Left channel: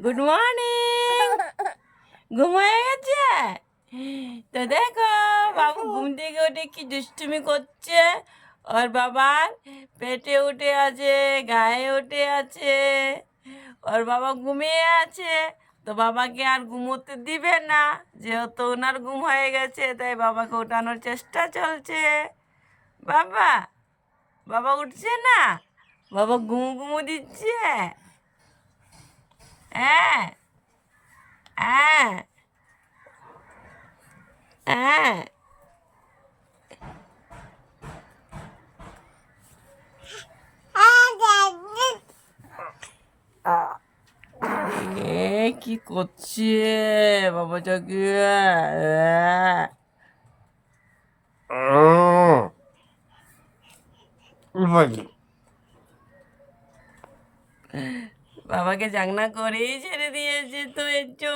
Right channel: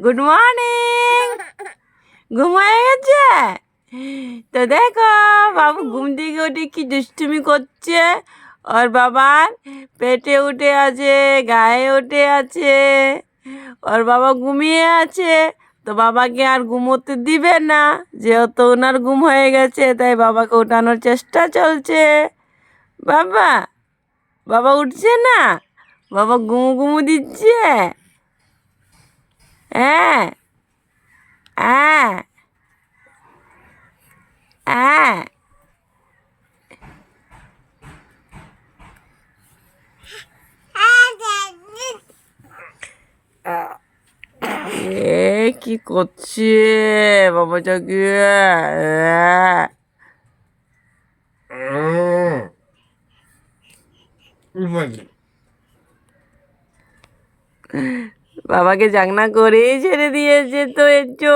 Good morning. ঘুম হয়ে গেছে তো দেখো বাবু ঘুম থেকে উঠে কি দুষ্টুমি করছে। ওর বাবার পেটে উঠে আছে, গায়ে উঠে আছে। ওর বাবা ঘুমিয়ে আছে, তো বাবাকে আর ঘুমোতে দিবে না, যেহেতু ওনার ঘুম হয়ে গেছে তাই বাবাকে ওঠানোর চেষ্টা চলছে। বাবা বাবা উঠছে না, বাবা ঘুমু ঘুমু দিচ্ছে। হ্যাঁ হ্যাঁ হ্যাঁ। কি করছে বাবাটাকে? বাবাকে জাগনা করেই ছেড়ে দিয়েছে তো একটু।